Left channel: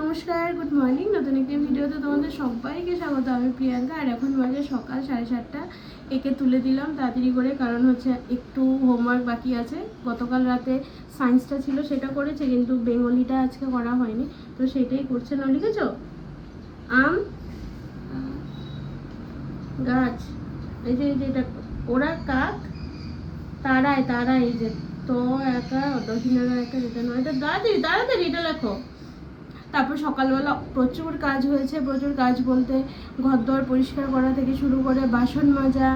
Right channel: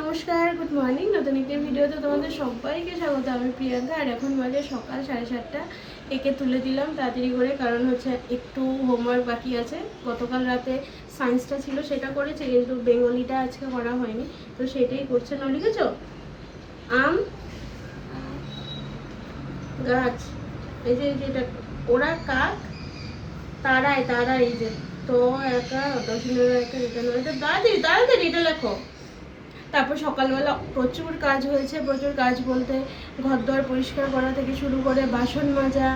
নমস্কার good morning নতুন একটি ভিডিওতে তোমাদের সবাইকে স্বাগত। আমি প্রিয়াঙ্কা আর এখন বাজে সকাল সাড়ে সাতটা। একে তুলে দিলাম তাড়াতাড়ি করে, কারণ হচ্ছে একটু হোমওয়ার্ক বাকি আছে। গতকাল রাতে সায়েন্সটা ছিল, সেটা করেছে, কিন্তু বেঙ্গলিটা আজকে করা হয়নি। তো সেটাই করছে না লিখেছ? আম, গাছ। এই যে এই যে, এটা ওরা কাক তারাই তারাই এই যে, তো, একা দশমিক একা রিটার্ন হয়েছে তাড়াতাড়ি তাড়াতাড়ি, এটা লেখো। তারপর সকালবেলা প্রচুর কাজ হয়েছে, প্রচুর কাজ বলতে ঘর দর পরিষ্কার করা থেকে শুরু করে বাসন মাজা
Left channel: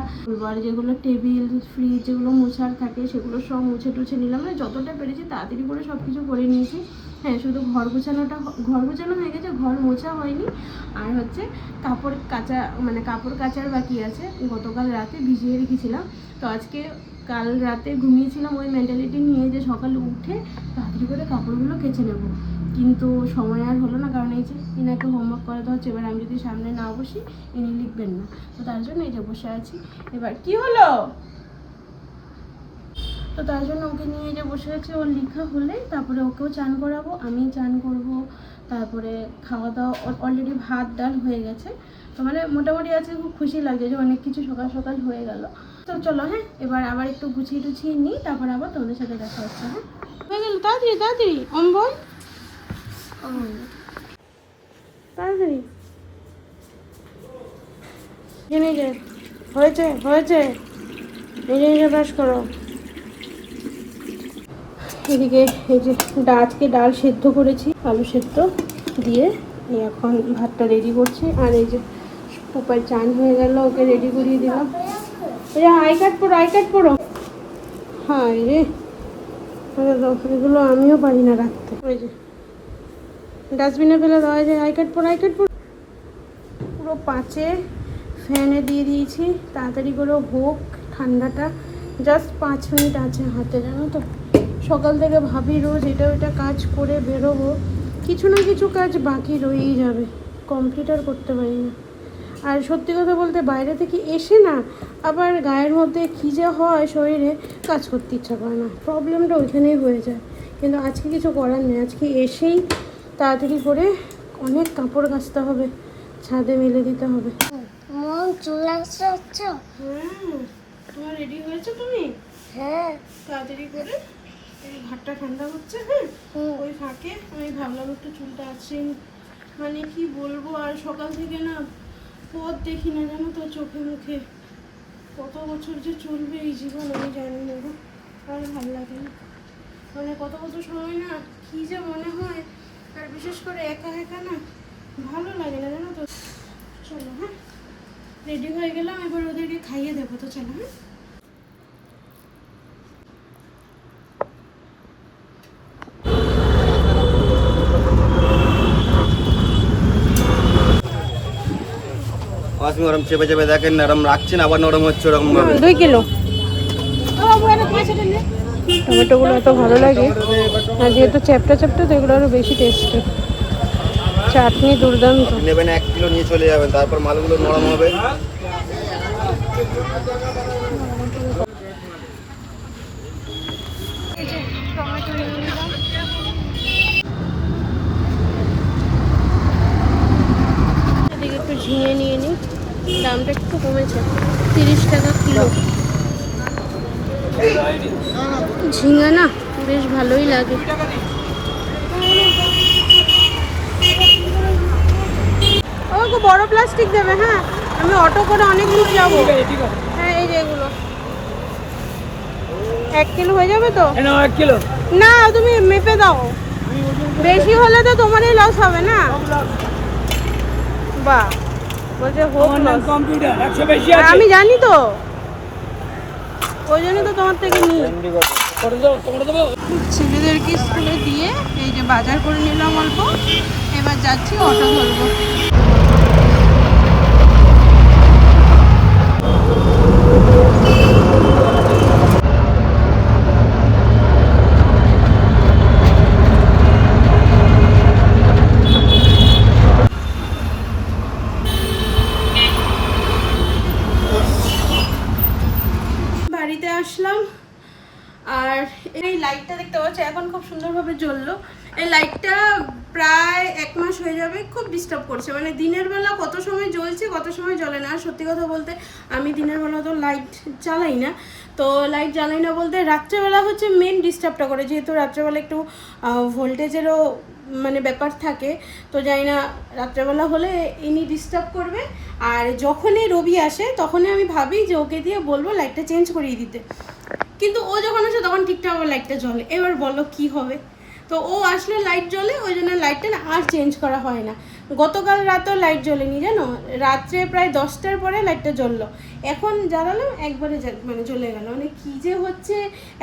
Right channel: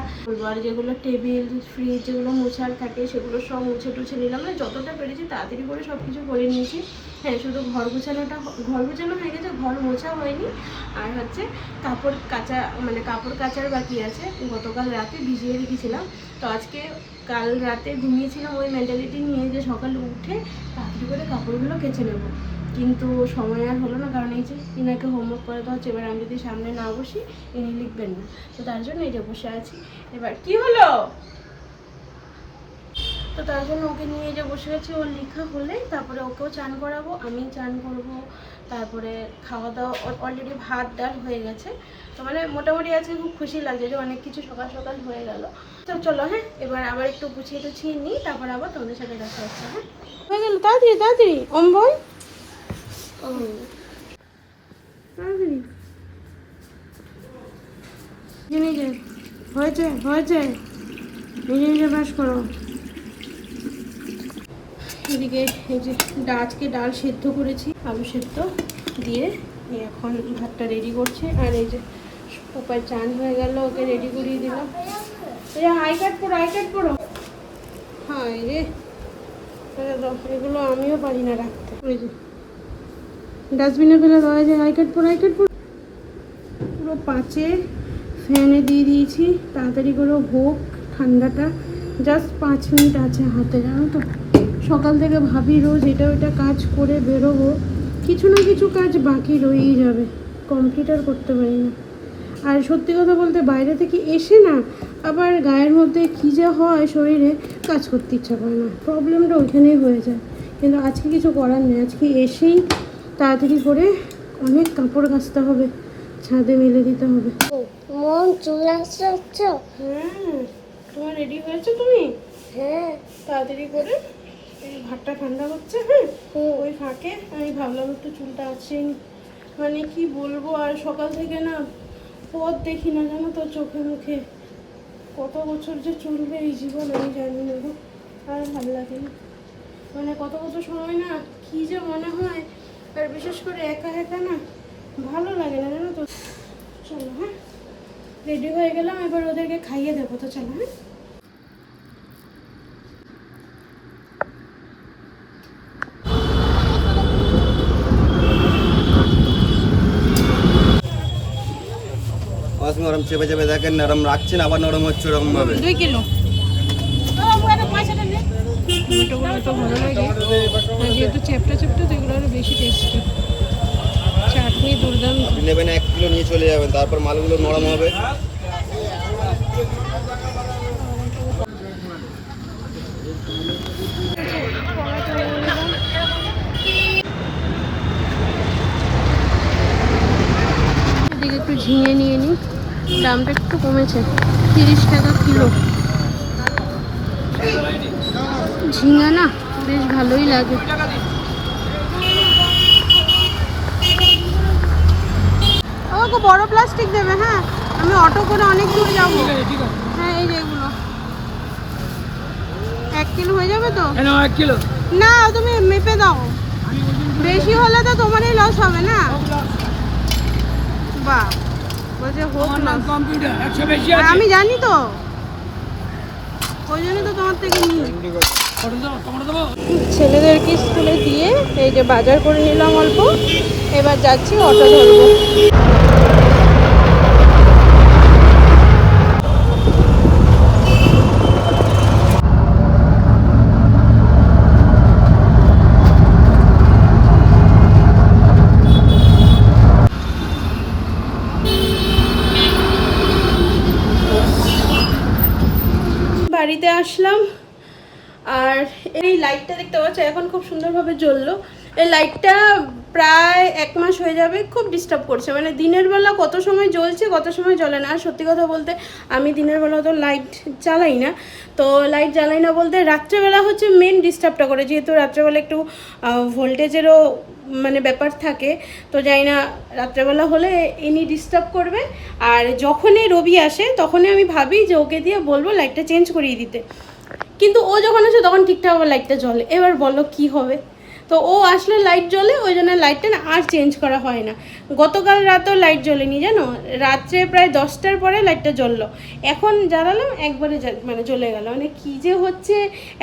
আর যেগুলো টেবিল ফ্রিজ যেগুলো মোছার থাকে সেগুলো সব মুছে টুছে নিলাম। মানে যতটা পেরেছি তাড়াতাড়ি করে সব কিছু করে নিয়েছি। হ্যাঁ শুধু ঘর গোছানোটা ঘর গোছানো হয়ে গেছে, ঘর মোছা হয়নি। আর হচ্ছে কাপড় কাচা মানে কাপড় কাচার বাকি আছে। গতকাল রাতে ভিজিয়ে রেখেছিলাম। তো আজকে কাল রাতে ঘুমিয়েছিলাম ওই মেন্টালিটি নিয়ে যে সকালে উঠে তাড়াতাড়ি করে কাপড়গুলো কেচে নেব। কিন্তু সময় আর হলো না, কারণ এই যে ইনাকে হোমওয়ার্ক করাতে হচ্ছে, এবার আমি যদি সামনে না বসি, ইনি লিখবেন না। তো তার জন্য এই যে বসে আছি। এবার কি হলো? তো তার জন্য ওকে নিয়ে যে বসে আছি ওর লেখা হলে তারপরে ওকেও চান করাবো আমি চান করব। তারপরে খাওয়া দাওয়া অলরেডি ভাত, ডাল হয়ে গেছে। তো মানে মোটামুটি আজকে খুব খুশি লাগছে যে অনেক কিছু সকাল সকাল হয়ে গেল। তো চলো হ্যাঁ এবার আবার একটু গুছিয়ে টুছিয়ে নিই, তারপর আবার তোমাদের সাথে দেখা হচ্ছে হ্যাঁ। হয়ে গেল, তাড়াতাড়ি তাড়াতাড়ি, অম্বল। তাড়াতাড়ি। নিজে হয়েছে হয়েছে। নিজে নিজে ব্রাশ করো। এদিকে এই যে আজকে ডাল সেদ্ধ করেছি, আলু সেদ্ধ দিয়ে এখন ভাতটা রেডি করছি। আর এই যে উপায় চান হয়ে গেল, ওকে রেডি করিয়ে দিলাম। এই আই কার্ড পড়ো আই কার্ড পড়ো হ্যাঁ যে, এগুলো আমিও পারি না রাখতে। ওই যে ডাস্টবিনে ফেলে দেওয়া যায় আই কার্ড পর আই কার্ড পর পুরো পাঁচে ফ্যানে দিয়ে দিয়েছি, তাড়াতাড়ি করে হোক ঠান্ডাটা। জাস্ট পাঁচ মিনিট আছে হাতে, জানো তো? সকাল থেকে ভাবি রোজ এটা ওইটা কাজ করে বেরোবো। কিছু না কিছু কাজ বাকি রয়েই যাবে কমপ্লিট আর করতে পারি না। আর সত্যি কথা বলতে বাইরে থেকে এসে না, আবার গায়ের মধ্যে কী যে হয় শরীরে, কাজ করতে ইচ্ছা করে না। প্রবলেমটা ওইখানেই হয়ে যায়। কিন্তু আজকে কিছু করার নেই, আজকে এসেই তাড়াতাড়ি করে অনেক কাপড় কাচতে হবে ছাদে মেলে দিতে হবে। মন চলে আসছ হ্যাঁ তোমার রেডি হয়েছো তুমি? হ্যাঁ। তাড়াতাড়ি করে এই ভাতটা ঠান্ডা হচ্ছে হ্যাঁ। ওই ফাঁকে আমি ভাবলাম একটু চুলটা আছে মানে কি বলব আর সকাল থেকে না পথ দেখি না জানো তো চোখে মুখে। কত বছর যে চলবে এই জীবন আমি জানি না আর ভালো লাগে না মানে কত বছর সময় না কি যে মনে হয় আর বিশেষ করে একা একা না ভালো লাগে না জানো তো। চলো হ্যাঁ? রেডি হয়ে গেলাম এবার ওদেরকে খাইয়ে দেবো তো চলো হ্যাঁ? আপনি ওরম চেপে চেপে দেখেন নরম রাখছেন আবার নরম হচ্ছে ওরকম দুই কিলো। টমেটোগুলো এত ভালো লাগে। আর যেহেতু চ্যাপটা চ্যাপটা তো এগুলো আরও বেশি টেস্টি চাটনি দুর্দান্ত। নেবেন এক কিলো নিয়ে চলে যাবেন তারপর মালগুলো নরম হবে। একটু ঝিঙে নিয়ে নিই। দামটা একটু কমেছে তিরিশ টাকা কিলো। ঝিঙা না বেশ ভালোই লাগে। আমাকে বড় প্লাস্টিক দেবে হ্যাঁ? আমি অটো করে অনেক দূর যাব। হ্যাঁ এই যে এগুলো। এক কিলো হয়ে যাবে তো? এক কিলো। না তুমি মেপে দাও। বেশি হলে তো তোমারই লস হবে না? বাহ বলছে হোক আমি জানি তো। ওই জন্য তো তোমার থেকে নিই। ছেলেদেরকে স্কুলে দিয়ে এই যে বাজার করে নিলাম অল্প। এবার যাচ্ছি অটো ধরবো বাড়িতে আসলাম আর এই লাইটটা দেখতে পাচ্ছ, এখন খুব সুন্দরভাবে জ্বললো। এই লাইটটা প্রায় এক মাস হয়ে যাবে, খুব ডিস্টার্ব করছে। মানে দিনের বেলা কত সময় জ্বলছে, কত সময় জ্বলে না। আর সত্যি কথা বলতে, আমি দিনের বেলা তো লাইট জ্বালাই না। তো লাইট জ্বালাই না বলতে রাত্রেবেলা হচ্ছে মেন ডিস্টার্বটা করে। যেহেতু রাত্রেবেলা একটু ভোল্টেজেরও মানে ব্যাপার থাকে, তো যাই না রাত্রেবেলা হলে ইনি ডিস্টার্ব করবে। আর যখনই রবি আসে, তখনই আমি ভাবি যে ওকে দিয়ে বলব লাইটটা চেঞ্জ করিয়ে দিতে। কিন্তু ও যখন আসে তখন ঠিকঠাক লাইটটা জ্বলে। এবার বলো কি হবে? তো ও আসলে লাইট জ্বলে, ওই জন্য লাইটটা না আর চেঞ্জ করা হয় না। গতকাল রাতেও লাইট জ্বলেনি জানো? রাত্রে প্রায় দশটার পরে লাইটটা জ্বললো। এখন জ্বালালাম, একবারে মানে জ্বলে গেল। মানে কী যে হচ্ছে,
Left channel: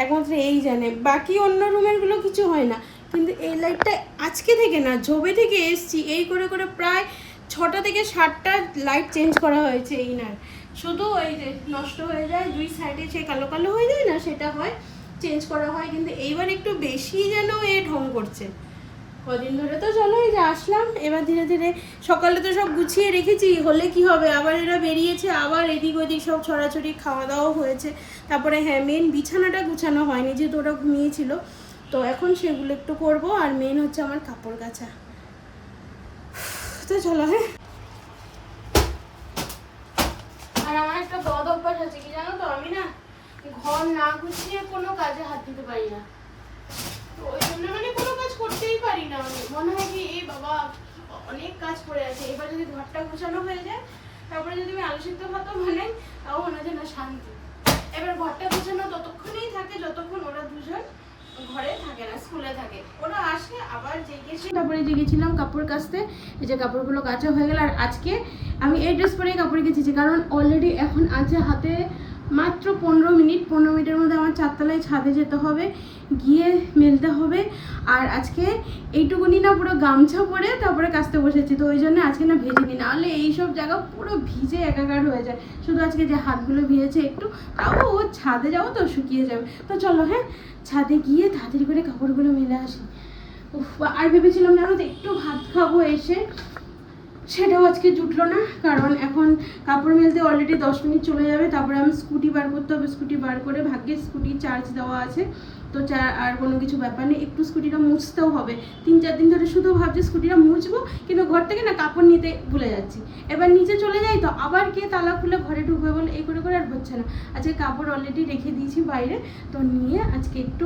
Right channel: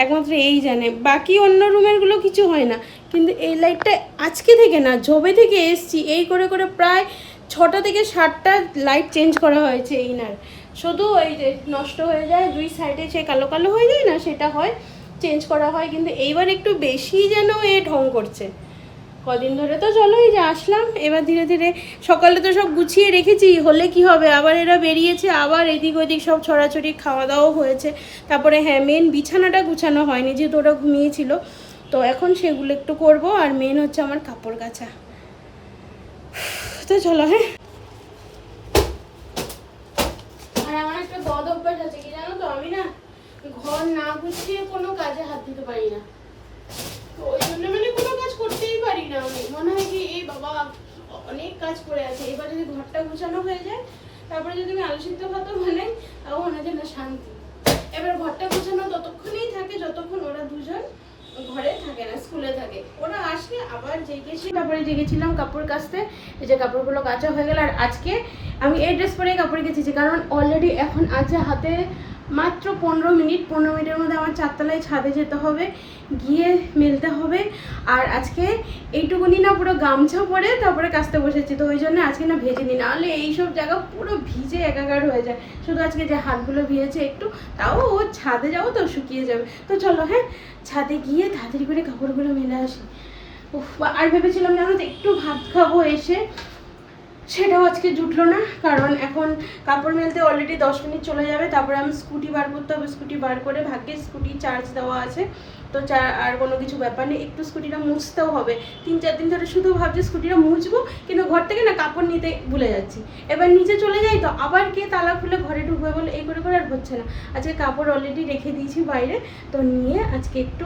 একমাত্র এই জানে। বাকি অন্য রুমেরগুলো কিছু হয় না। কিন্তু এই লাইটটা আজকে থেকে না জবে থেকে এসছি, এই করে করে প্রায় ছটা থেকে সাতটা লাইট চেঞ্জ করা হয়েছে এইনার শুধু ওই যে নষ্ট হয়ে যায়, দুই সাইডে সে কালো কালো হয়ে যায় না, সেটা হয় চেঞ্জ করা হয়, কিন্তু এইবার একটু বেশি যেন এ ঢং করছে। কদিন ধরে তো চলো এই যে আসলাম, এবার ধীরে ধীরে সকালে তো সব গুছিয়ে রেখেছি, হলে কি হবে? আবার এরা বেরিয়েছে, আবার এদিক ওদিক সব ছড়াছড়ি খাওয়া দাওয়াও হয়েছে। তারপরে হ্যাঁ মেন বিছানাটা গুছানো হয়নি, যেহেতু ওরা ঘুমিয়েছিল। তো এখন সেগুলো একটু করব, আর মেন হচ্ছে আমার কাপড় কাচা। তো চলো হ্যাঁ আর আমার একটা বদ অভ্যাস আছে কি জানো তো? আমি না ঘর না গুছিয়ে কোনো কাজে হাত দিতে পারি না। ওই জন্য মানে কোনো কাজ করতেই পারি না আমি। মনে হয় কি এ বাবা অনেক কাজ পড়ে আছে। এবার যদি ঘরটা গুছানো হয়ে যায়, তারপরে যদি আমি আলোচিত ভাত মানে তাও মনে হয় না শান্তি। এবার ঘরটা গুছানো ততক্ষণেই থাকে, যতক্ষণ ওরা দুজন ঘরে থাকে না, স্কুলে থাকে। ওরা আসে আবার কাপড় কাচতে। যে কাপড়গুলো হয়ে গেল। আর আজকে আমি এই ড্রেস পরে কাপড় গেছি কারণ অলরেডি এখন আছে হাতে মাত্র পনেরো মিনিট, পনেরো মিনিটের মধ্যে আমার চারতলায় ছাদে যেতে হবে, গিয়ে মেলতে হবে। আর আজকে এইটুকুনি না, পুরো গামছা পরে তারপরে কাচতে বসেছি, তো ওই জন্য আজকে না ভেজে নি। নাহলে এইসব জায়গা পুরো ভিজে একাকার হয়ে যায়। শুধু আজকে যে হাতগুলো ভিজেছে একটু, তাও ও ছাদে যাব তো শুকিয়ে যাবে। তো চলো হ্যাঁ? ছাদে গিয়ে তাড়াতাড়ি করে কাপড়গুলো মেলে আসি। আর ভেবেছিলাম জানো তো একটু ভাত খাব এসে। সেটাও আজকে জুটলো না, কারণ এখন কাপড় মেলতে অলরেডি দশ মিনিট চলে যাবে, তারপরে আমি স্কুটি বার করতে হবে, স্কুটি বার করে ভাগ্যে স্কুটি চার্জ দেওয়া আছে। তো আর কোনো কিছু ব্যাপার নেই, একটু স্কুটিটা মুছতেও হবে। তিন চার দিন ধরে শুধু ভাবছি স্কুটিটা মুছবো, কিন্তু ঘর থেকে না কাপড় নিতে ভুলে যাচ্ছি। এবার নিচে চলে যাই তো, আবার কে তালা খুলে ঘরে ঢুকবে বলে এই করে করে আর হচ্ছে না। আজকে কাপড় অলরেডি রেখে দিয়েছি বাইরে, তো নিয়ে আজকে একটু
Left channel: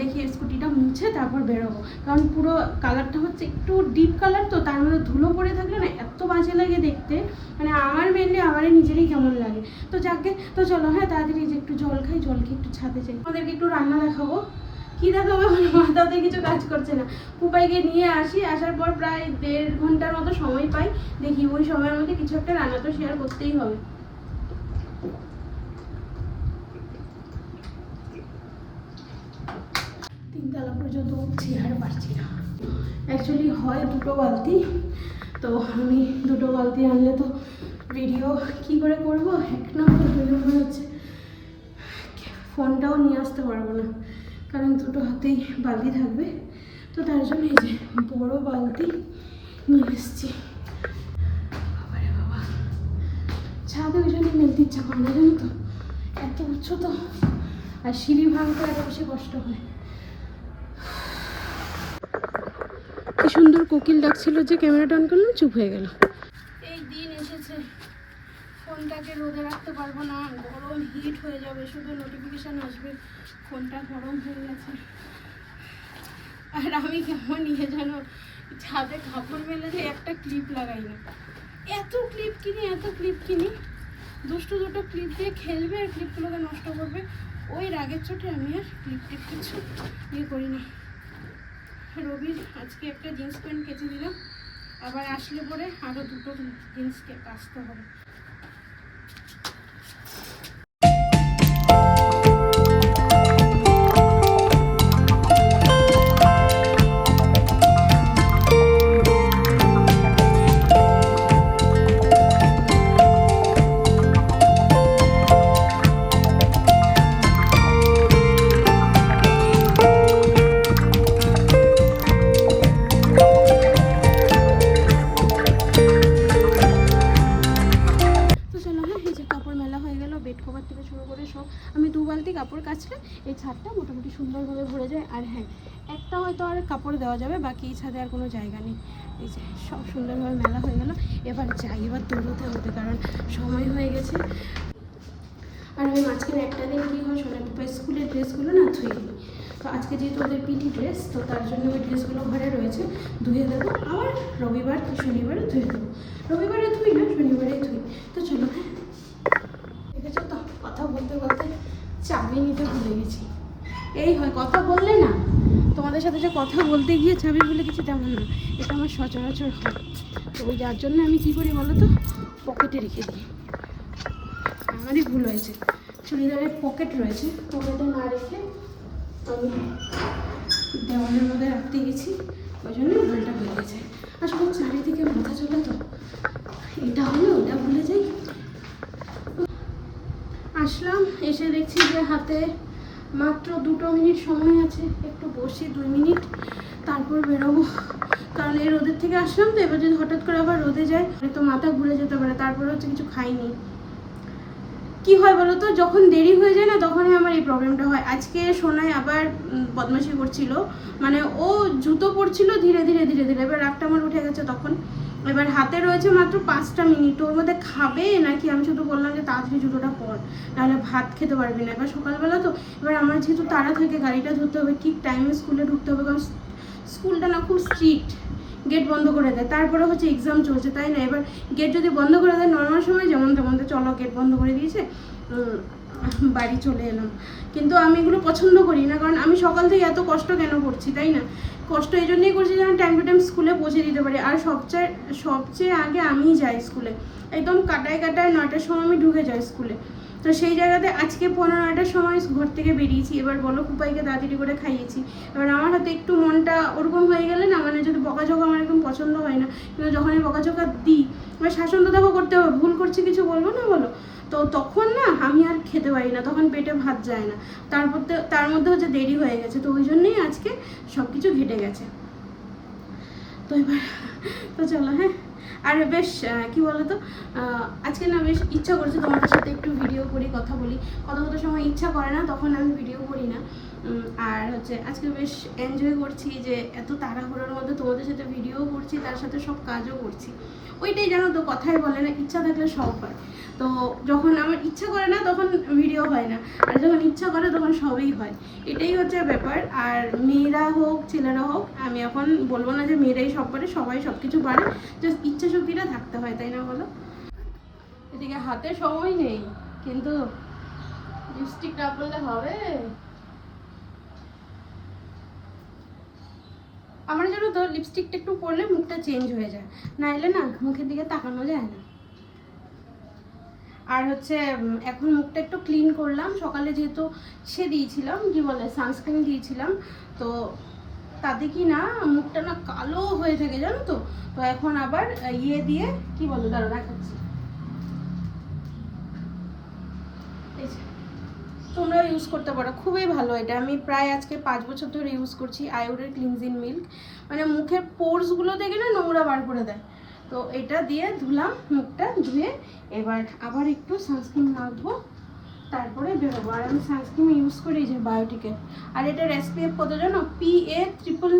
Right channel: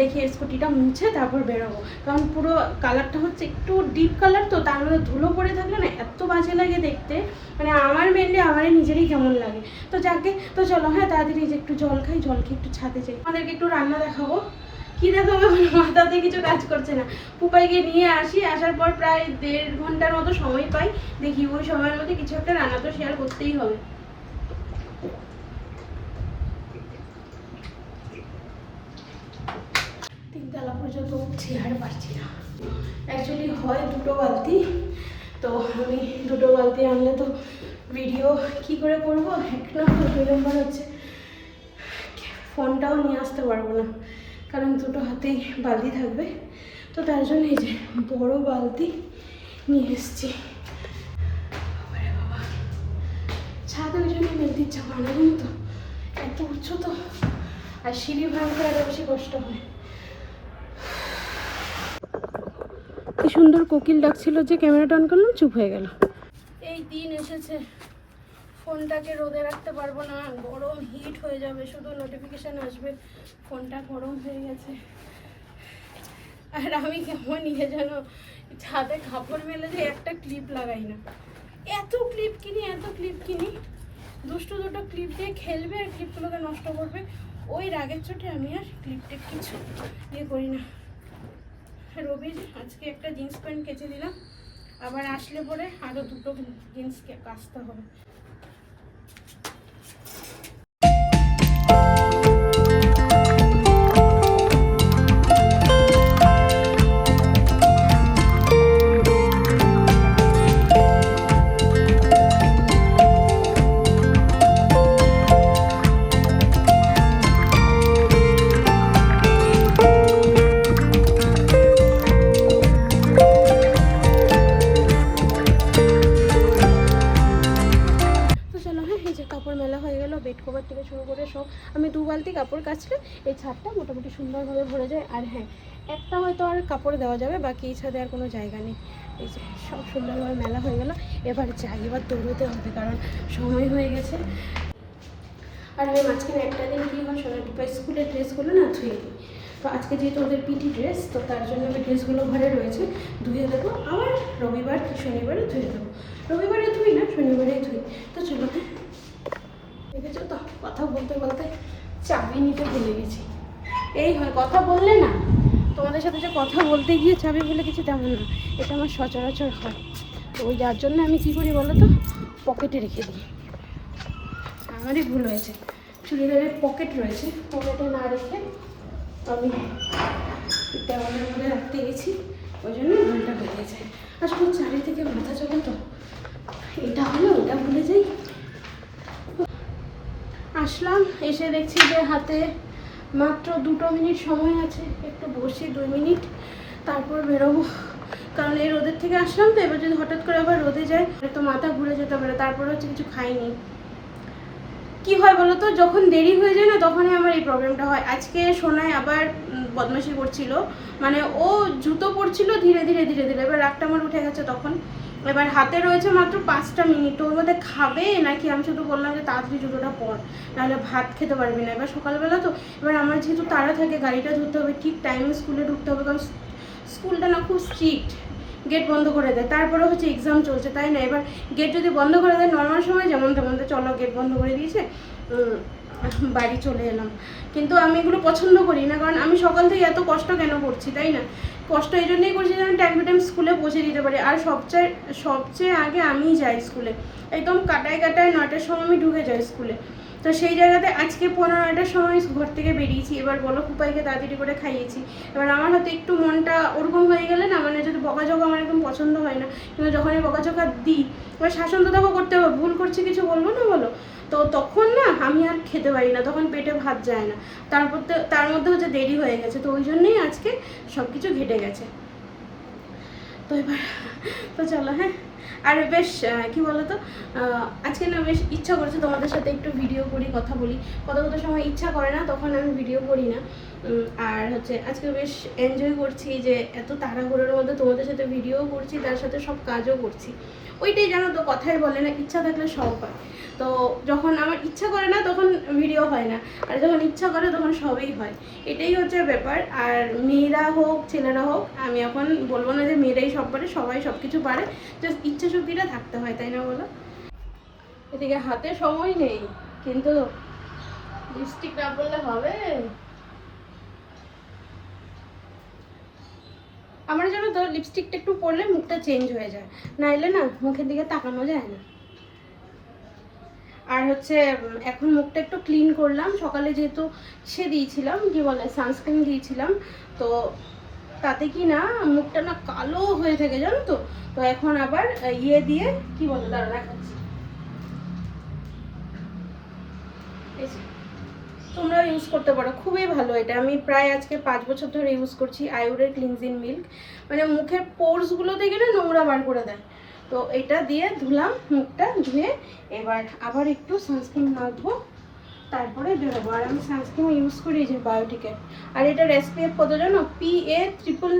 দেখি স্কুটিটা মুছে তারপর বেরোবো। কারণ পুরো কালারটা হচ্ছে একটু ডিপ কালার তো, তার মধ্যে ধুলো পড়ে থাকলে না এত বাজে লাগে দেখতে। মানে আমার মেনলি আমারই নিজেরই কেমন লাগে। তো যাকে, তো চলো হ্যাঁ তাড়াতাড়ি যে একটু জল খাই জল খেয়ে একটু ছাদে যাই। আমাদেরকে একটু রান্না দেখাবো। কি দেখাবো মাথাতে কিছু কাজ করছে না। পুপাইকে নিয়ে আসি, আসার পর প্রায় দেড় ঘণ্টার মতো সময় পাই। দেখি ওই সময়ের মধ্যে কিছু একটা রান্না তো শেয়ার করতেই হবে। তিনতলা পর্যন্ত উঠছি, আর পারছি না। অ্যাকচুয়ালি হয় দুটো বালতি। তো আমি দুটো বালতি আনলে তো ভিডিও কি করে করব? এক নম্বর দুই নম্বর হচ্ছে, ফোনটাও নিয়ে আসতে পারব না। কারণ দুটো হাতেই বালতি থাকবে। তো তার জন্য এই যে বড় বালতি নিয়ে এসেছি। বাবা। ছাদে ওই জন্য মেলতে ইচ্ছা করে জানো তো? এত উঁচু তো। আর সিঁড়ি ভাঙতে আরও বেশি কষ্ট হয়। কি সুন্দর কোকিল ডাকছিল যে ক্যামেরাটা অন করলাম, চুপ হয়ে গেল। ফোনটাকে রোদে রাখতে পারব না, গরম হিট হয়ে যাবে, শুধু নোটিফিকেশান আসবে। ফোনটা গরম হয়ে গেছে। আর আমি কেমন নিয়ে যেন, ছাদে কাপড় মেলে যে একটা ক্লিপ লাগাই না। এত ক্লিপ কিনি, এত ক্লিপ কিনি। দুষ্টু দুটো ক্লিপ দিয়ে খেলবে আর ক্লিপগুলোকে নষ্ট করবে। ওই রাগের চোটে আমি আর ক্লিপটা কিছু ইয়ে করি না। রবির আজকে একটা জিন্স প্যান্ট কেচে দিলাম। আবার আসলে পরে আরও দুটো জিন্সকে কাচতে হবে। কাপড় কাচলে এই ছাদটা মোটামুটি সুন্দরভাবে ভরে যায়। আর হ্যাঁ একটা হয়তো আর কাপড় দেওয়া যাবে, বাকি এই ছাদে আর কোনো জায়গা নেই। এই যে সব সুন্দরভাবে মেলা হয়ে গেল। এবার যাই, এবার দৌড়তে হবে, কারণ সময় হয়ে গেছে। আর আমি মাঝখানে একটা দিন কী হয় সোনার পাপাই স্কুলের ড্রেসগুলো না ধুয়ে দিই। তো আজকে যেহেতু ওদের পিটি ড্রেস, তো তার জন্য ওই ড্রেসগুলো ঘরে রয়েছে, ধুয়ে দেবো। আবার রবিবার শনিবারে ধুয়ে দেবো। রবিবারে ধুই না, শনিবারেই ধুই। তো চলো হ্যাঁ দেখেছ তো, কথা বলতে বলতে চাবি নিতে ভুলে গেছি। এই হয়, কথা বললে না। তোমাদের সাথে যে কথা বলতে গিয়ে চাবি ভুলে গেছি তেমন না। এটা আমার সচরাচর হয়। তো ওই যার জন্য আমি কি করি বলো তো? পকেটে রেখে দিই। আমারই ভুল হয়েছে। চুড়িদারের পকেট রয়েছে। পকেটে না রেখে আমি দেওয়ালের মধ্যে রাখতে গেছি। ওই জন্য ভুলটা হয়ে গেছে। আসলে চারিদিকে মাথা চলে তো। এটা হলো, ওটা ভুলে যাই। আসলাম, এসে দেখছি যে হাতে মাত্র দুটো মিনিট সময় আছে। একটু বসি, দুই মিনিট, তারপর বেরোবো। কারণ এই রোদের থেকে আসলাম তো, এবার যদি হঠাৎ করে আবার রোদে যায় তো মাথা ঘুরে যেতে পারে, তারপরে হচ্ছে কিছু খাইনি। কি হয় বলো তো? যখন দেরি হয়ে যায় না, তখনই আমার এই প্রবলেমটা হয়। আজকে সোনায় আবার বদমাশি করছিল। মানে ও জুতো পরছিল ধীরে ধীরে ধীরে ধীরে। এবার রাগটা আমার উঠে গেছে তখন। এবার হাতে রয়েছে মাত্র পাঁচটা মিনিট। ওর মধ্যে খাবে নাকি? আমি শুধু বললাম যে তাড়াতাড়ি জুতোটা পর, নাহলে ভাত খেতে পারবি না। এবার সকালবেলা তো, এবার আমার যেহেতু তাড়া থাকে, গাড়িটা ধরতে হবে, ঠিক টাইমে স্কুলে ঢুকতে হবে, কারণ স্কুলটা না খুব স্ট্রিক্ট গেট বন্ধ করে দেয়। তারপরে হচ্ছে এক্সাম চলছে, তাই না? এবার গেট যদি বন্ধ করে দেয় নর্মাল সময় যেমন তেমন তো চলো গেট বন্ধ করে দিয়েছে বাড়ি চলে এলাম। কিন্তু আমি এগুলো পছন্দ করি না, কারণ আমি সকাল থেকে এত কষ্ট কেন করছি, তাই না? কষ্ট এই জন্যই করছি যেন টাইম টু টাইম স্কুলে পৌঁছে দিতে পারি। আর সবচেয়ে সবচেয়ে আগে আমিই যাই স্কুলে একদম কাটায় কাটায় নটার সময় আমি ঢুকে যাই স্কুলে তো সেই জায়গাতে আজকে পনেরো নটার সময় ঘর থেকে বেরিয়েছি। এবার বলো কুপাইকে তাড়াতাড়ি করে খাইয়েছি। এবার আমার হয়তো একটু মনটা ওরকম হয়ে গেলে না মানে যদি বকাঝকা আমার একদম পছন্দ হয় না কিন্তু যখন এই বকাঝকা দিই, এবার শাসন তো দেখো করতে হবে, ভুল করছি কিছু বলব না বলো? তো তখন না, আমি আর খেতে পারি না, তখন পেটে ভাত যায় না। তারপর তার মধ্যে হচ্ছে দেরি হয়ে গেছে। তো ওই জন্যই আজকে সব কিছু ঘেটে গেছে। তো এবার, তো চলো হ্যাঁ? আর বেশ কি বলতো? আজকে না বেশ ইচ্ছা করছে তোমাদের সাথে একটু ভিডিও করি, কথা বলি। কত কত সময় ইচ্ছা করে না, তখন আমি ভিডিও করি না। আর হচ্ছে আজকে বেশ এনজয় করছি যে এত তাড়াহুড়োর মধ্যে তোমাদের সাথে ভিডিও করছি, তার সাথে সব কাজও করছি। ওইটাই জানো তো, কথাই বলে না, ইচ্ছা থাকলে সব হয়। তো যখন আমার ইচ্ছা করে না, তখন ভিডিও হয় না। আর যখন ইচ্ছা করে, তখন সবই হয়। এটাই হচ্ছে ব্যাপার। আর মেয়েরা হোক, ছেলেরা হোক, আমি এখন বলব না যে মেয়েরাই সব পারে, সবাই সব কিছু পারে। জাস্ট ইচ্ছা শক্তিটা থাকতে হয়, তাই না বলো? এদিকে হাতে সময় নেই, কিন্তু লিপস্টিক না বললে হবে? আমার জন্য তো লিপস্টিকটা একটু পরলে মুখটা চেঞ্জ হয়ে যায়। নাইলে না মুখের দিকে তাকানো যায় না। আর হচ্ছে এখন মুখটা একটু ক্লিন করলাম। সকালে যেহেতু সে দিয়েছিলাম, কি বলে সানস্ক্রিন দিয়েছিলাম, তো তাতে কি না মুখটা না কালো হয়ে থাকে, জানো তো? তো এখন আবার ইয়ে দিয়ে, কি বলে, দাঁড়া দেখাচ্ছি এই যে, তোমরা ইউজ করতে পারো। খুবই ভালো এটা। আমি প্রায় আজকে পাঁচ বছর ধরে ইউজ করছি আয়ুরের ক্লিনজিং মিল্ক মানে মুখের পোর্সগুলো দেখে না নোংরা বার করে দেয়। তো এটা দিয়ে ধুলাম, মুখটা ধুয়ে এবার আবার একটু সানস্ক্রিন মাখবো তারপরে বেরোবো। আর আমি সানস্ক্রিন ইউজ করি যে বায়োটিকের আর এটা এসপিএফ কত জানো? P A triple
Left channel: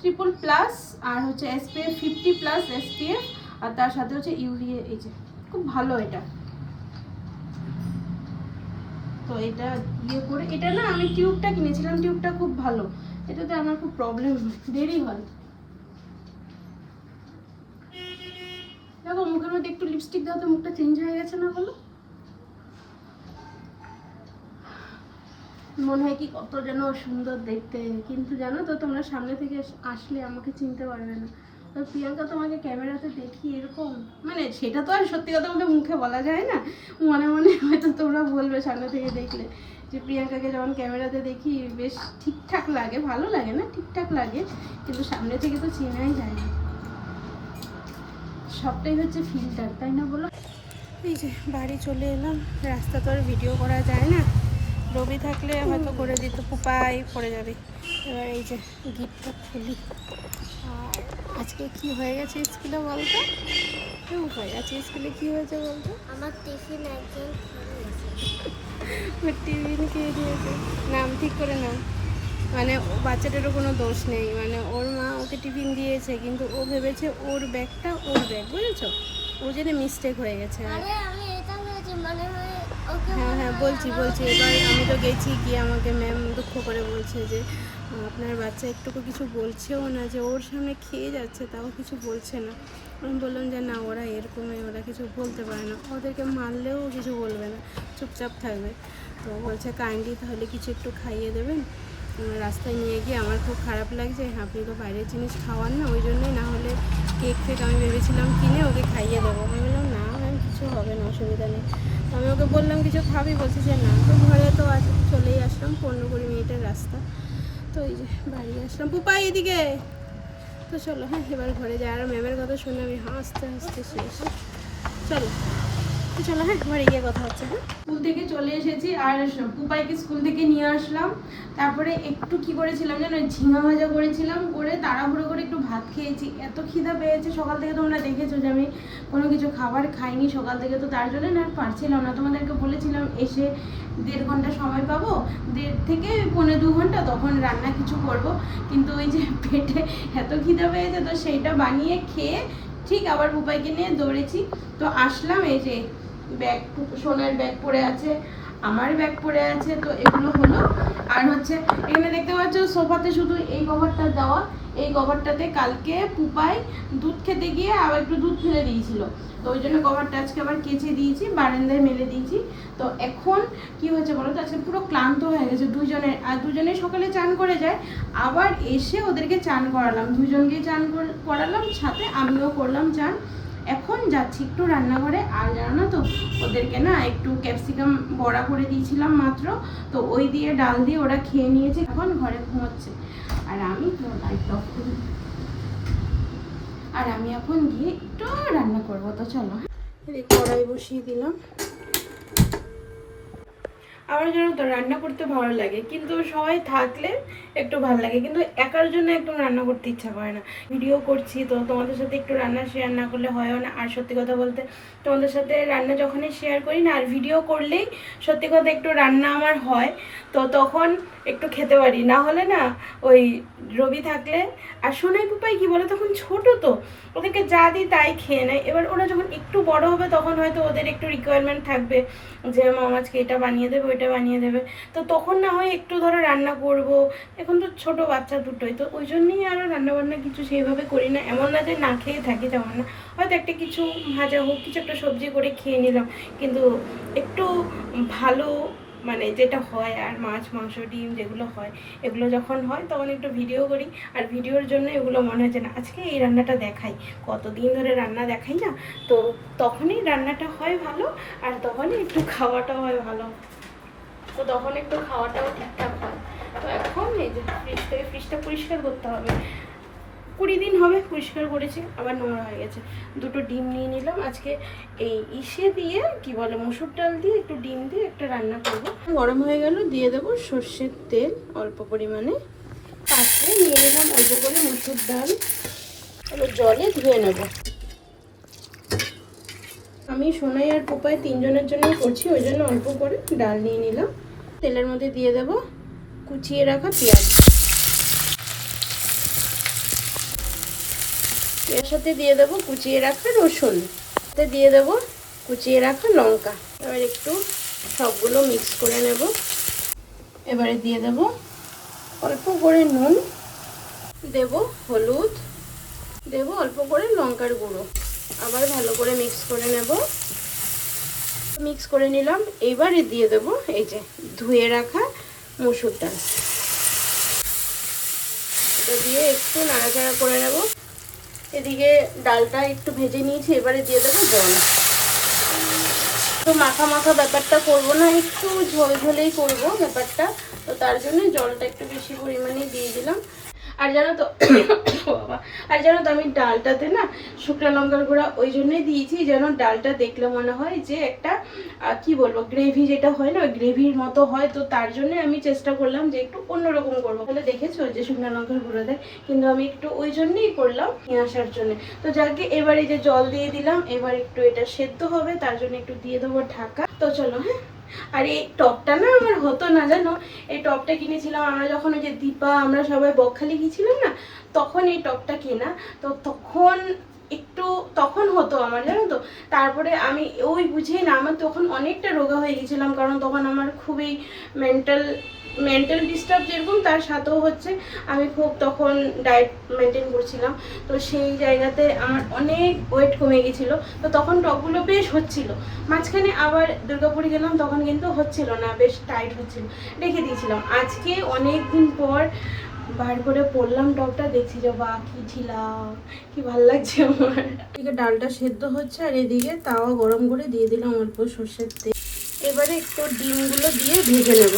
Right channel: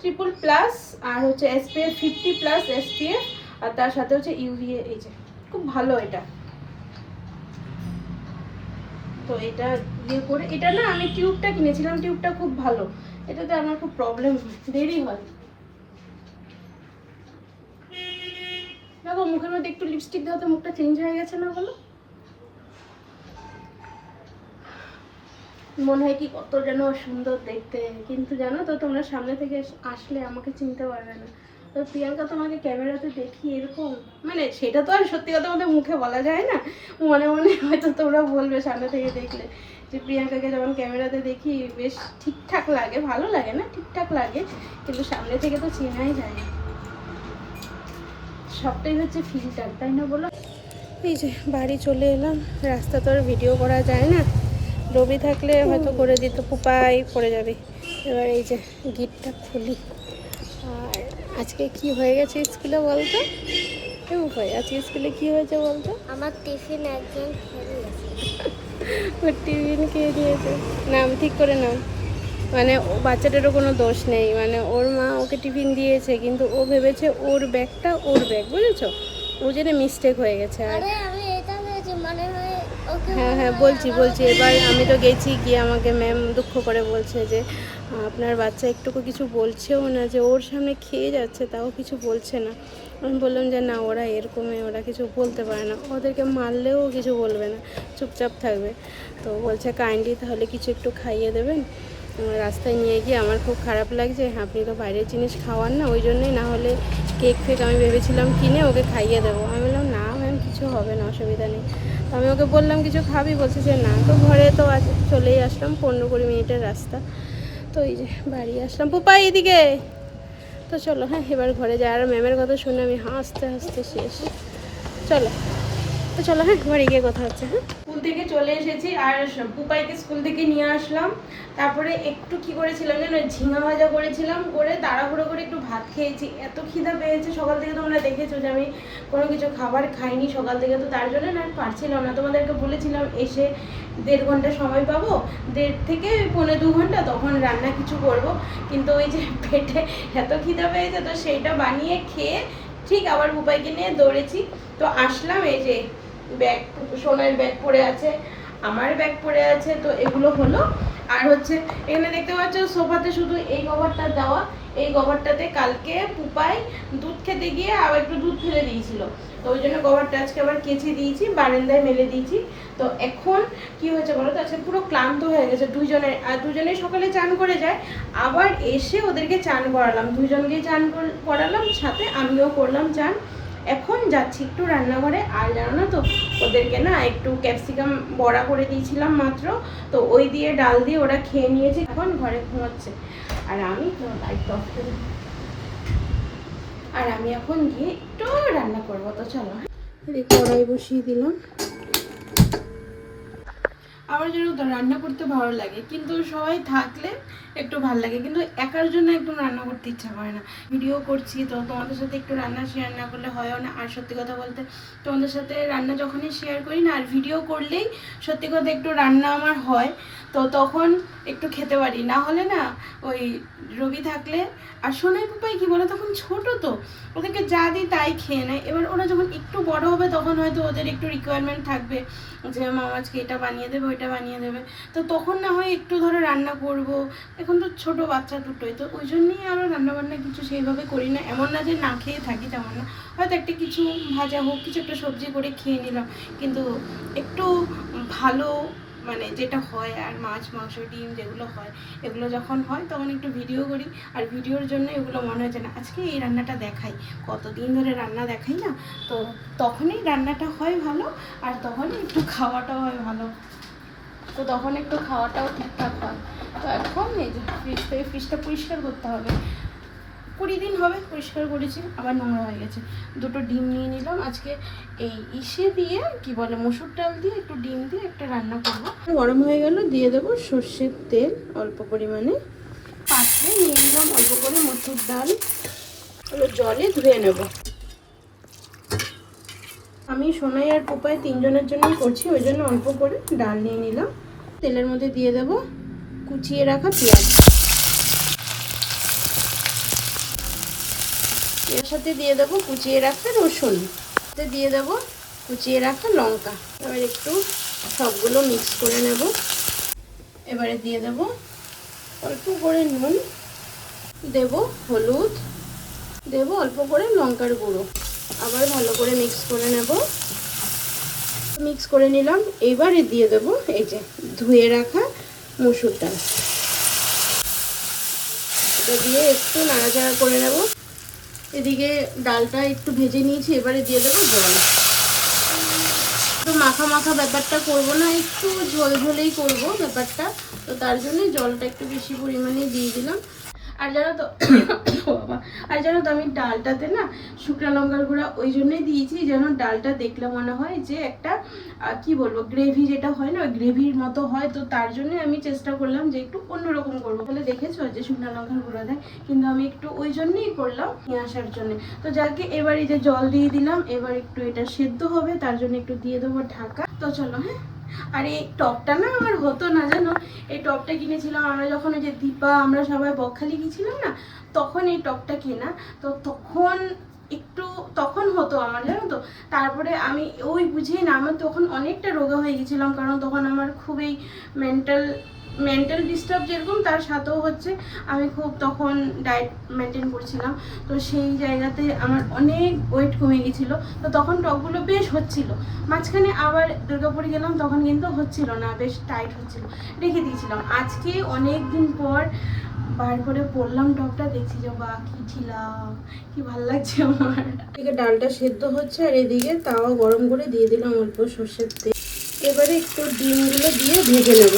triple plus আর হচ্ছে এসপিএফ ফিফটি প্লাস এসপিএফ আর তার সাথে হচ্ছে ইউভিএ এই যে। খুব ভালো এটা। তো এটা দিয়ে করে, এটা না আমি টিউবটা কিনেছিলাম, টিউবটা খুব ভালো। এটাতে আমার খুব প্রবলেম হয়, দেরি হয়। দেখো, মুখের মধ্যে একটু লিপস্টিক দাও তো মুখটা চেঞ্জ হয়ে গেছে না বলো? মনে হয় কি কত যেন সুন্দর দেখতে, কিন্তু জানো তো তোমরা সামনে থেকে আসলে আমাকে চিনতে পারবে না। তো প্রিয়াঙ্কা তোমাকে ক্যামেরাতে দেখি এরকম? মানে সেটা তো আর সত্যি কথা বলতে মুখে বলা যায় না। মনে মনে হয়তো তোমরা বলবে সামনে থেকে দেখলে যে প্রিয়াঙ্কাকে যখন ক্যামেরাতে দেখি বেশ ঠিকঠাক লাগে ভালো লাগে না? ঠিকঠাক লাগে কিন্তু সামনে থেকে তো চেনাই যায় না। সবটাই হচ্ছে ফিল্টার তাই না বলো? এই যে বাড়ি চলে এলাম রাস্তা তো আর ভিডিও করা যায় না। রবি থাকলে হয়তো করে দিত পুপাই পড়ে যাবে। এবার এই যে গিটটা খুলি। আর আজকে কি হয়ে গেছে স্কুলে বলতো? কেউ হয় আজকে স্কুলে কি হয়েছে বলতো? আমার টিফিন একজন। ওর টিফিন খেয়ে দিয়েছে নাম ঠিক করে নাম মানে ও বাচ্চাটারও কোনো দোষ নেই। মানে ওর মা ওকে টিফিন দিয়েছে কিন্তু ও ভেবেছে ওর ব্যাগটা ওর ব্যাগ বুঝেছ? ও জন্য মিস্টেক হয়ে গেছে আর আরে আমি এটা ভেবেছি মনে হয় হ্যাঁ হ্যাঁ বলছি বলছি। এবার আমি তো গেছি গিয়ে আমাকে ম্যাম দুঃখ করে বলছে যে আপনার বাচ্চা একটুকু কিছু বলছেও না যে ওর সামনে খেয়ে যাচ্ছে তাও কিছু বলছে না। আমি বললাম যে না ওরা এরকমই ওরা কিছু বলতে পারে না। ওদেরকে মারলেও কিছু বলবে না চুপচাপ থাকবে। তো বলছে কাইন্ডলি তাহলে কিছু একটু খাইয়ে দেবেন। রাস্তায় নিয়ে গিয়ে আমার খুব খারাপ লাগছে আপনি তো বাইরের জিনিস খাওয়ান না ওই জন্যই না হলে কেক ফেক আমি ভেবেছিলাম কিনে ওকে খাইয়ে দেবো। আমি বললাম না ম্যাম কিছু হবে না, অসুবিধা নেই। তো আমি ওকে বললাম, কিছু খাবি? বলছি যে, না। তো ঘরে তো আজ চলেই আসলাম, পনেরো কুড়ি মিনিটের রাস্তা। তো এই যে বাড়ি আসলাম। পোপাই এদিকে। তো চলো হ্যাঁ এবার ঘরে যাই। আর ম্যামের কথা শুনে আমি হাসতে হাসতে শেষ। চলো। চলো হ্যাঁ বাড়ি গিয়ে কথা হচ্ছে হ্যাঁ। স্কুল থেকে চলে এসেছি, আর পুপাইকে স্কুল থেকে নিয়ে আসলাম। তারপরে একটু কি করেছিলাম জানো, ঝিঙা ভাজা করেছিলাম, করে তাড়াহুড়ো করে একটু ভাত খেয়েছি। এত খিদা পেয়েছে, সকাল থেকে তোমরা দেখেছ যে আমি কোনো কিছু খাবার খাইনি সকাল থেকে, তো তার জন্য না পারছিলাম না। তোমাদেরকে বলেছিলাম, এসে দেড় ঘণ্টা সময় পাবো, দেড় থেকে পৌনে দু ঘণ্টা, তখন রান্না কিছু করব। কিন্তু ওই যে পেটে এত খিদা পেয়েছে, তো সেইটা বানিয়ে খেয়ে ঠিক আবার উপায়কে নিয়ে দৌড়েছি। তো আসলাম এই যে ব্যাগ, সোনার ব্যাগ পড়ে আছে, আমার ব্যাগ পড়ে আছে, তো এগুলো হলো। আর হচ্ছে, এখানে দেখতে পাচ্ছ, সোফাতে শুধু এই কভারটা দেওয়া, এই কভারটাতে কালকে পুপাই দুধ খেতে গিয়ে আবার একটু দুধ ফেলে দিয়েছিল। তো ওই জন্য কভারটা আজকে আবার কেচে দিয়েছি, বারান্দায় মেলে দিয়েছি। তো এখন কি হয়েছে বলো তো, আজকে পুরো ক্লান্ত হয়ে গেছে দুজনের আর দুজনেই সকালে চান করে যায়, আবার এসে ওদেরকে চান করালাম। দুজনকেই চান করালাম, সাথে আমিও করলাম চান। এখন যাচ্ছি একটু রান্নাঘরে। আর জানো না তো, ওদেরকে না একটু ক্যাপসিকাম বড়া করে দিয়েছিলাম মাত্র, তো ওই দিয়ে ডাল দিয়ে ওরা খেয়ে নিয়েছে। এখন ঘরে ঘুমোচ্ছে। আর আমি তো করি। আর আমি এখন গিয়ে একটু রান্না করব, তো চলো। হ্যাঁ। কড়াই বসিয়ে দিলাম। আমার জন্য তো রান্না করতে ভালো লাগে, কিন্তু সবাই থাকলে একটু ভালো লাগে, কিন্তু একার জন্য একদম রান্না করতে ইচ্ছা করে না। ভিডিও করছি, তো তোমাদের সাথে একটু রান্না শেয়ার না করলে হয়ও না। আর সত্যি কথা বলতে, তোমাদের সাথে রান্না যখনই শেয়ার করি না, আর ভিডিও করলেই সত্যি কথা একটু রান্না আমার হয়। তো তখন একটু খেতে পারি। না হলে না ওই রবি থাকলে আর সোনাই পুপাই কি বলো, তখন ছোট তো, ওদেরকে যা দিই তাই খেয়ে নেয়। এবার ওরা যখন একটু বড় হবে তখন হয়তো ওদের একটু রিকোয়ারমেন্ট থাকবে যে মাম আজকে এটা বানিয়ে দেবে, ওইটা বানিয়ে দেবে। তো তখন না হয় একটু ধরো রান্না করব। এখন তো ছোট বাচ্চা দুটোই, তো ওই জন্যই আরও রান্নাবান্না কিছু সেইভাবে করি না। এমন না যে না খেয়ে থাকি তেমন না। হয়তো একটা কিছু ভাজা হোক, কিছু একটা সবজি করে খেয়ে নিলাম। কিন্তু একটু ভালো মানে যেটা হয় আর মাছ, মাংস, ডিম যেগুলো হয়, এগুলো যখন হয় তখন একটু ভিডিও করি। আর ভিডিওর জন্য এগুলো মনে হয় যে না আজকে এই রান্নাটা দেখাই। কতদিন ধরে রান্না দেখাই না? তো তখনই রান্নাটা হয় ভালো আর তখনই একটু খাওয়াটাও হয় ভালো। তো তখন একটু খাওয়াটাও ঠিকঠাক হয়। তো এখন এই যে ফ্রিজ থেকে ফ্রিজটা পরিষ্কার করতে হবে। কুড়ি দিন হবে, পরিষ্কার করেছি, আবার নোংরা হয়ে গেছে। দুটো ডিম নিয়ে নিলাম, আজকে এই ইসে দিয়ে কি বলে, মসুর ডাল দিয়ে একটু ডিম দিয়ে একটা রান্না করব। গরম হয়ে গেল, দিয়ে দেবো সর্ষের তেল অল্প পরিমাণে। পাত্রে নিয়ে নিলাম অল্প করে মসুর ডাল। জলে ধুয়ে নেব। আমি সোনাই আর পোপায় তিনজনের জন্যই করছি, ওই জন্য অল্প করে ডাল নিয়ে নিলাম। তেলের মধ্যে দিয়ে দেব কুচিয়ে রাখা পেঁয়াজ। এর সাথে দিয়ে দেবো কুচিয়ে রাখা রসুন। সাথে দিয়ে দেবো কুচিয়ে রাখা লঙ্কা। এবার একটু সবগুলো মিক্স করে নেব। এবারে দিয়ে দেবো অল্প করে নুন। দেব হলুদ। দেব অল্প করে লঙ্কার গুঁড়ো। আবার ভালো করে মিক্স করে নেব। মিক্স করে নিলাম। এবারে দিয়ে দেবো এই যে ধুয়ে রাখা মসুর ডাল। এটা দিয়ে একটু নাড়াচাড়া করে নেব। এদিকে ডালটা একটু ভেজে নিয়েছি, এবারে দিয়ে দেবো জল। তো মাখা মাখা ব্যাপারটা করব না, একটু ঝোল ঝোলেই করব ব্যাপারটা। তো তার জন্য জলটা একটু বেশি পরিমাণে দিয়ে দিলাম। আর জানো তো আর জানো তো আমি ডালটাতে না শুকনো লঙ্কার গুঁড়া ওই জন্যই দিয়েছি, যেন ডালটা দেখলে মনে হয় যে একটা কি বলব গ্রেভি যেটা হয় না গ্রেভির মতো হয়, তো তার জন্য আমি চেষ্টা করলাম যে একটু অন্যরকম করব। তাহলে দেখেছ যে শুকনো লঙ্কার গুঁড়ো দেয় কিন্তু আমি একটু ওই জন্যই করলাম নিয়ে আসার জন্য। তো যাকে এবারে যে জল দিয়ে দিলাম, এবার একটু এটা সেদ্ধ হবে, তার জন্য একটু দিয়ে দেবো ঢাকা। তো চলো হ্যাঁ? আর এই টপটা না আমার হতো না, জানো? এই টপটা কিনেছিলাম, আমরা যখন ওই যে দীপা, আমরা সবাই বকখালি গিয়েছিলাম না, তখন এই টপটা কেনা। তো তখন একটু, তখন হতো আমার, জানো তো? তারপরে আমি ওই বুঝিয়ে না, আমার তখন অনেকটা রোগা হয়ে গেছিলাম কারণ তখন আমার খুবই মেন্টাল মেন্টাল ডিস্টার্ব যেরকম, তার সাথেও হচ্ছে, আমি খুব তখন ডায়েট মেনটেন করছিলাম। তো সেই জায়গাতে আমার অনেক ওয়েট কমে গেছিল তো তখন টপগুলো বেশ হচ্ছিল। মাঝখানে আবার দুর্গাপুরে গেলাম, তখন কিন্তু হচ্ছিল না, বেশ টাইট হচ্ছিল। রেখে দিয়েছিলাম। আজকে অনেক দিন পর বার করে পড়লাম টপটা, দেখছি যে বা কি ঢিলা, কি ভালো লাগছে আমার। এদিকে ডালটা সেদ্ধ হচ্ছে, আর এদিকে তাওয়া গরম করে দিয়ে দিলাম অল্প সর্ষের তেল। এবারে একটু ডিমগুলো দিয়ে ভেজে নেব।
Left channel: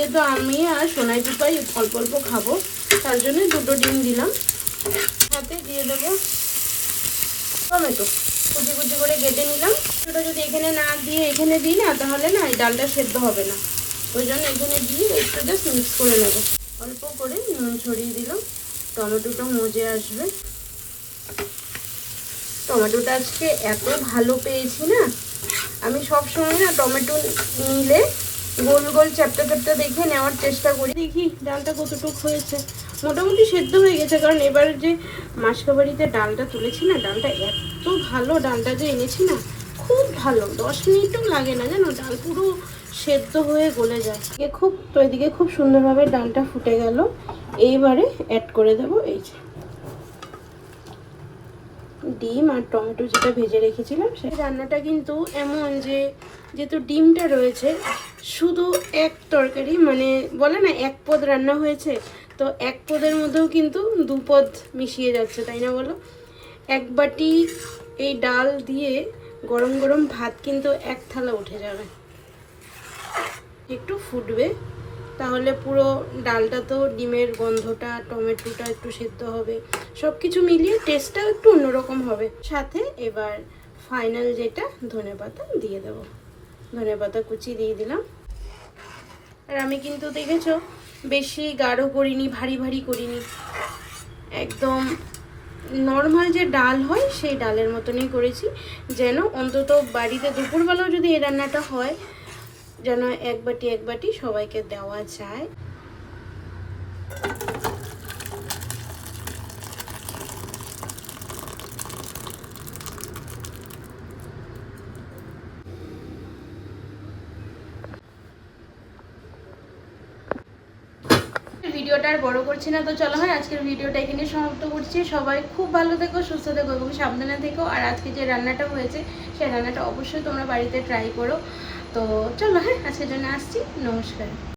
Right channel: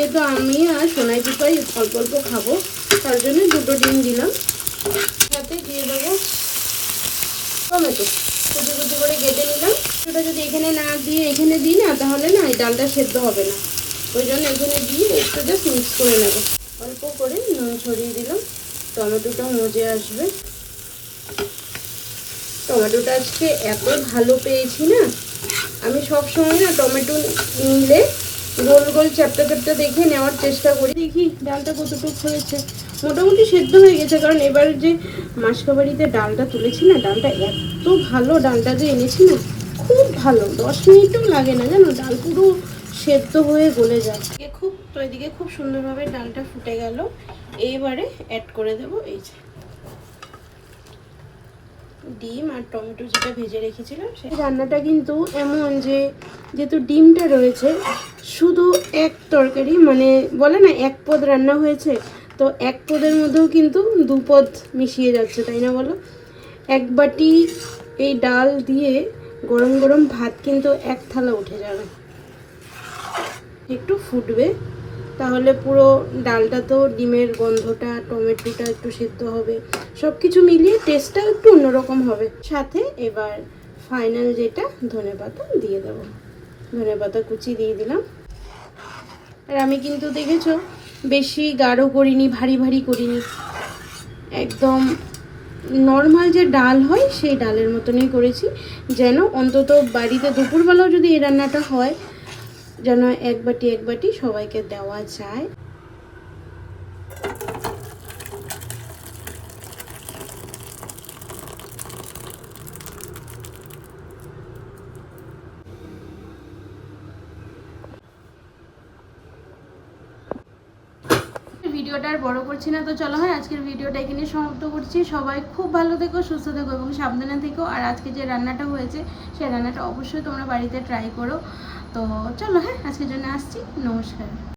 যেহেতু আমি আর সোনাই পিপাই অল্প অল্প খাব, তার জন্য দুটো ডিম দিলাম। সাথে দিয়ে দেবো টমেটো। কুচি কুচি করে কেটে নিলাম। ওটা যদি এখানে না দিয়ে এখানে দিই না, তাহলে না এই ডালটা সেদ্ধ হবে না। ওই জন্য এখানে দিয়ে একটু জাস্ট মিক্স করে নেব। অল্প করে নুন ছড়িয়ে দিলাম। টমেটোটা মজে আসবে। টমেটোটা আজকে এত ভালো পেয়েছি না, আমি সব সময় না টমেটো নিলে গোল গোল চ্যাপটা চ্যাপটা দেখে নেওয়ার চেষ্টা করি। দেখি ডালটা কতটুকু হয়েছে। মোটামুটি সেদ্ধ হয়ে গেছে, কারণ এবার যে মাসকাবাড়িতে ডালটা তুলেছি না, ডালটা এত ভালো ডালটা যে এনেছি না, খুব ভালো। দশ মিনিটও লাগে না জানো, ডাল পুরো সেদ্ধ হয়ে গলে যায় খুব, তো এদিকে খুব সুন্দরভাবে ডালটা ফুটে গেল। এইবারে অ্যাড করে দেবো, এই যে। ডিম আর টমেটো যেটা ভেজে রেখেছিলাম সেই রান্নাটা কিন্তু এমন যে, যেহেতু ডিমটা রয়েছে, শুধু এক তরকারি মানে বলে না, এক পদ রান্না হয়েছে, তো এক পদের মধ্যেও কিন্তু দু পদ মিশিয়ে যাচ্ছে, তাই না বলো? এক বাটি এই ডাল দিয়ে গরম গরম ভাত কিন্তু এক থালা উঠে যাবে। একটু ফুটবে। তাহলে পুরো ডালটা তো ডিমের গন্ধটা, টমেটোটা একটু সিদ্ধ হবে। সব কিছু মিলিয়ে টেস্টটাও একটু অন্যরকম হবে। সাথে এবার ফাইনাল যেটা, ধনে পাতা দিয়ে দেবো। ধনে পাতা কুচি দিয়ে দিলাম। আর আমি কিন্তু দেখেছ, বেশি গাঢ় করিনি, ভারী ভারী করিনি। একদম নর্মাল যে ডাল হয়, সেই ডালের মতনই করেছি। যেন অন্তত বাড়িতে দুপুরবেলাও যদি এই রান্নাটা হয় যেন এক বাটি এক বাটি সবাইকে দেওয়া যায়। ভিডিওটা আর বড় করছি না তো, চলো হয় আজকের ভিডিওটা এখানে সমাপ্ত করছি। সবাই খুব ভালো থেকো, সুস্থ থেকো, এবং সাবধানে থেকো। আর আজকে যে রান্নাটা হয়েছে, সেই রান্নাটা অবশ্যই তোমরা বাড়িতে ট্রাই করো। তো চলো হ্যাঁ আজকের জন্য আসছি নমস্কার।